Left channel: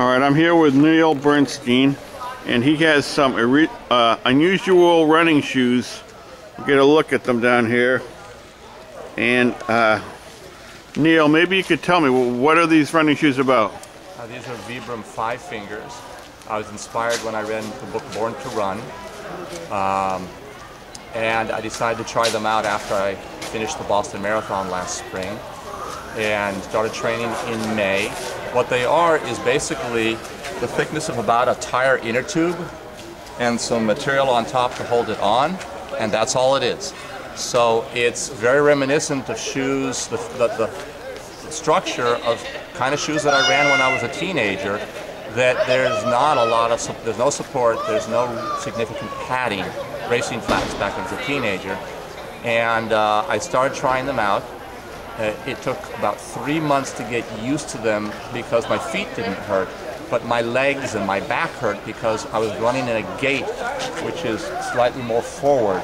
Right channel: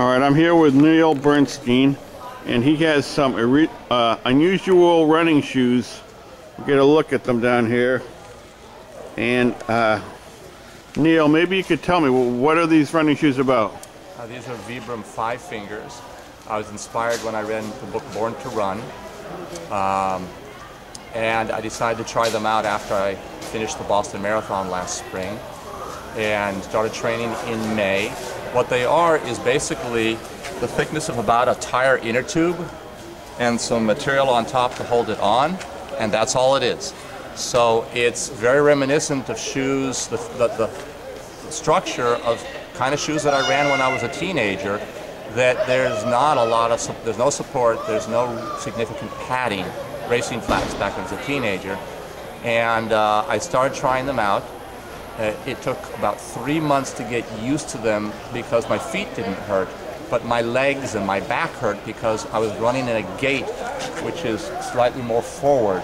All right, I'm here with Neil Bernstein, and he has some unusual running shoes. We'll get a look at them down here. And Neil, maybe you could tell me, what are these running shoes about? These are Vibram 5 Fingers. I was inspired when I read the book Born to Run. And I decided to try them out after I finished the Boston Marathon last spring and started training in May. What they are is basically the thickness of about a tire inner tube and some material on top to hold it on, and that's all it is. So it's very reminiscent of shoes, the structure of kind of shoes that I ran when I was a teenager, that there's not a lot of, there's no support, there's no significant padding, racing flats back as a teenager. And I started trying them out. It took about 3 months to get used to them because my feet didn't hurt, but my legs and my back hurt because I was running in a gait which is slightly more forward.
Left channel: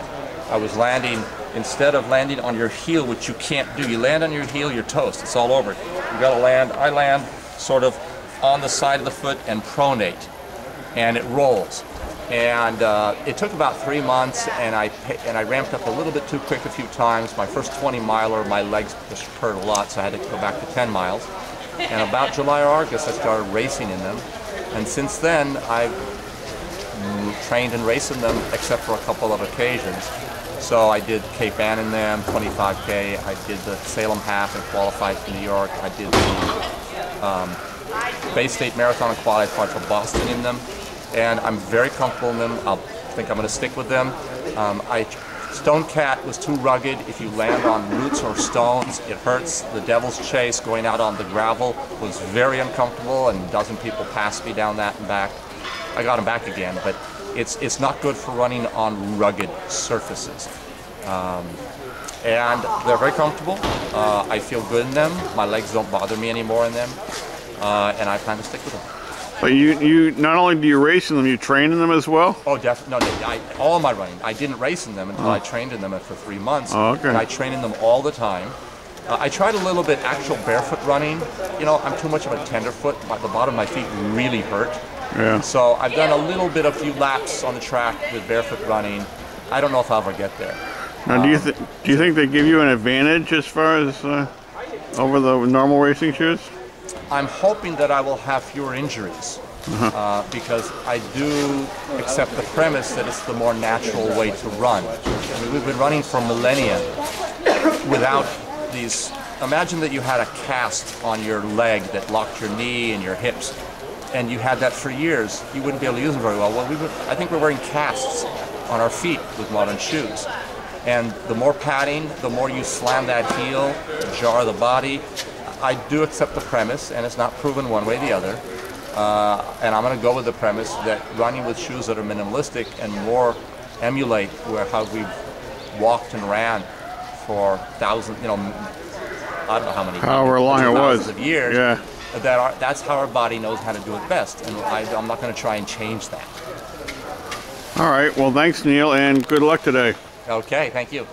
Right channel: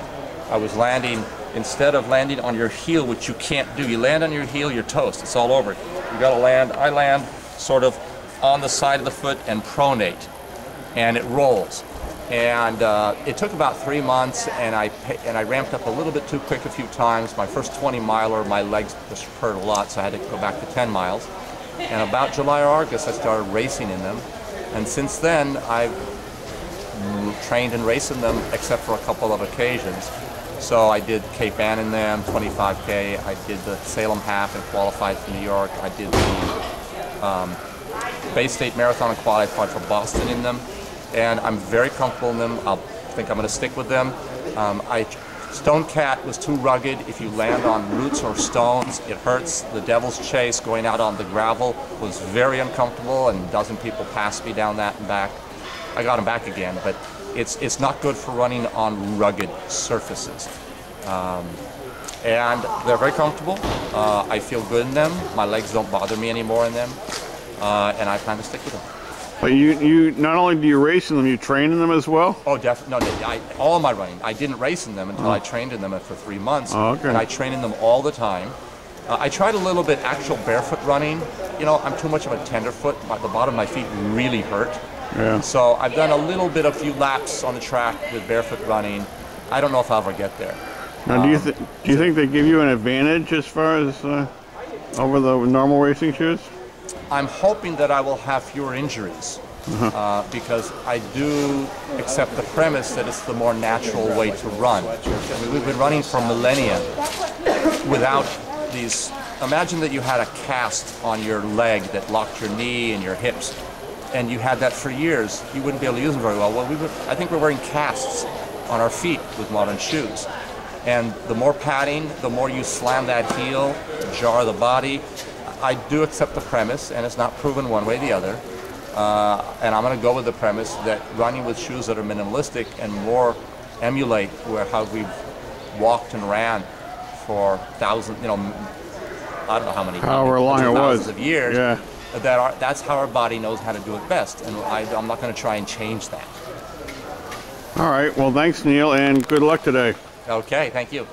I was landing, instead of landing on your heel, which you can't do, you land on your heel, you're toast, it's all over. You gotta land, I land sort of on the side of the foot and pronate, and it rolls. And it took about 3 months, and I ramped up a little bit too quick a few times. My first 20-miler, my legs just hurt a lot, so I had to go back to 10 miles. And about July or August, I started racing in them. And since then, I've trained and raced in them, except for a couple of occasions. So I did Cape Ann in them, 25K. I did the Salem half and qualified for New York. I did the Bay State Marathon and qualified for Boston in them. And I'm very comfortable in them. I think I'm going to stick with them. Stone Cat was too rugged. If you land on roots or stones, it hurts. The Devil's Chase, going out on the gravel, was very uncomfortable, and a dozen people passed me down that and back. I got them back again, but it's not good for running on rugged surfaces. And they're very comfortable. I feel good in them. My legs don't bother me anymore in them, and I plan to stick with them. But you not only do you race in them, you train in them as well? Oh, definitely. No, all my running. I didn't race in them until I trained in them for 3 months. Oh, okay. And I train in them all the time. I tried a little bit actual barefoot running. You know, I'm too much of a tenderfoot. The bottom of my feet really hurt. Yeah. So I've done a little bit, a few laps on the track with barefoot running. I don't know if I'll ever get there. Now, do you think they give you an advantage as far as over the normal racing shoes? I'm hoping that I will have fewer injuries because I do accept the premise that it's the more natural way to run. I mean, we've been running for millennia without these. Imagine that you had a cast on your leg that locked your knee and your hips, and you had that for years. You wouldn't be able to use them very well. Well, I think we're wearing casts on our feet with modern shoes. And the more padding, the more you slam that heel, jar the body. I do accept the premise, and it's not proven one way or the other. And I'm going to go with the premise that running with shoes that are minimalistic and more emulate how we've walked and ran for thousands, you know, I don't know how many, however long it was, of years. Yeah. That's how our body knows how to do it best, and I'm not going to try and change that. All right. Well, thanks, Neil, and good luck today. Okay. Thank you.